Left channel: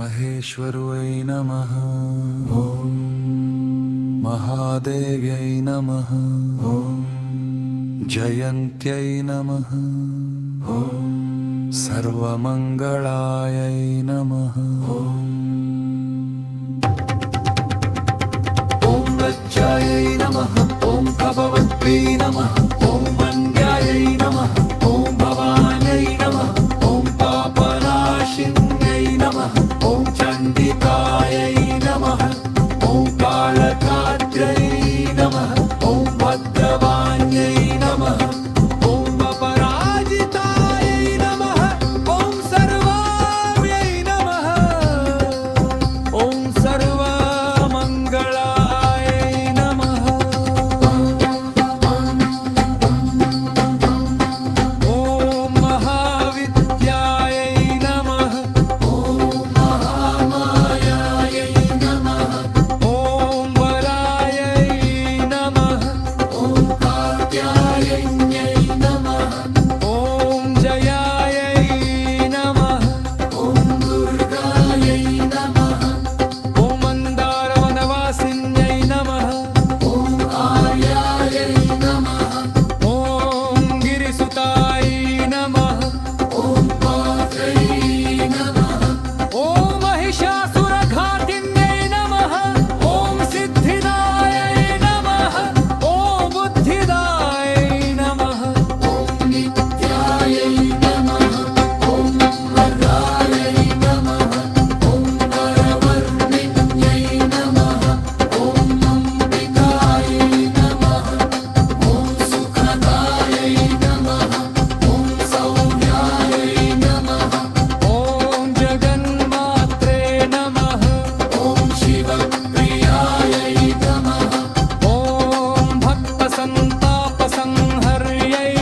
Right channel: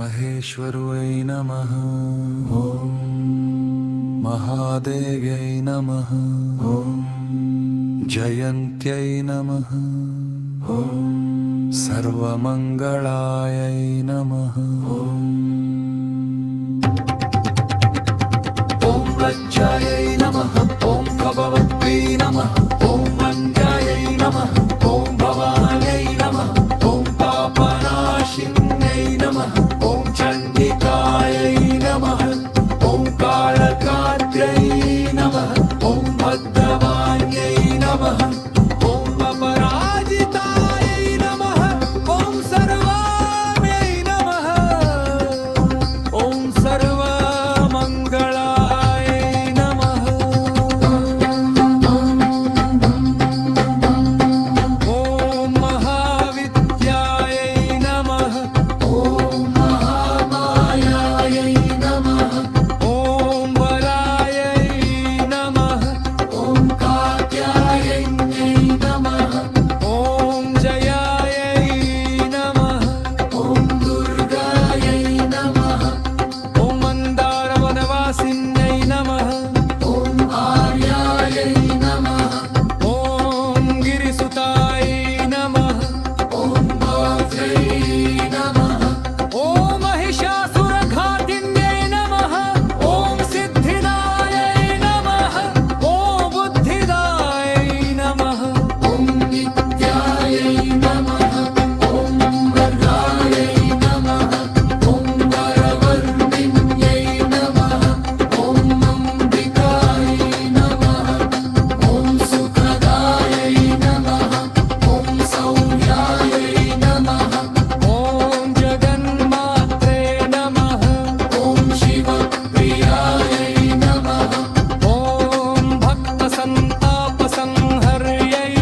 महेश्वराय नमः। ॐ महादेव्यै नमः। ॐ जयन्त्यै नमः। ॐ सर्वमङ्गलायै नमः। ॐ लज्जायै नमः। ॐ भगवत्यै नमः। ॐ मङ्गायै नमः। ॐ भवान्यै नमः। ॐ पापनाशिन्यै नमः। ॐ चण्डिकायै नमः। ॐ कालकात्र्यै नमः। ॐ भद्रवाण्यै नमः। ॐ अपराजितायै नमः। ॐ सर्वाम्यै नमः। ॐ सर्वमङ्गलाय नमः। ॐ महाविद्यायै नमः। ॐ महामायायै नमः। ॐ वरायै नमः। ॐ कात्यायन्यै नमः। ॐ जयायै नमः। ॐ दुर्गायै नमः। ॐ मन्दारवनवासिन्यै नमः। ॐ आर्यायै नमः। ॐ गिरिसुताय नमः। ॐ वात्रै नमः। ॐ महिषासुरघातिन्यै नमः। ॐ सिद्धिदायै नमः। ॐ बुद्धिदायै नमः। ॐ नित्यायै नमः। ॐ वर्गायै नमः। ॐ वरवर्णिन्यै नमः। ॐ अम्बिकायै नमः। ॐ सुखदायै नमः। ॐ सौम्यायै नमः। ॐ जगन्मात्रे नमः। ॐ शिवप्रियायै नमः। ॐ भक्तसन्तापसंहर्यै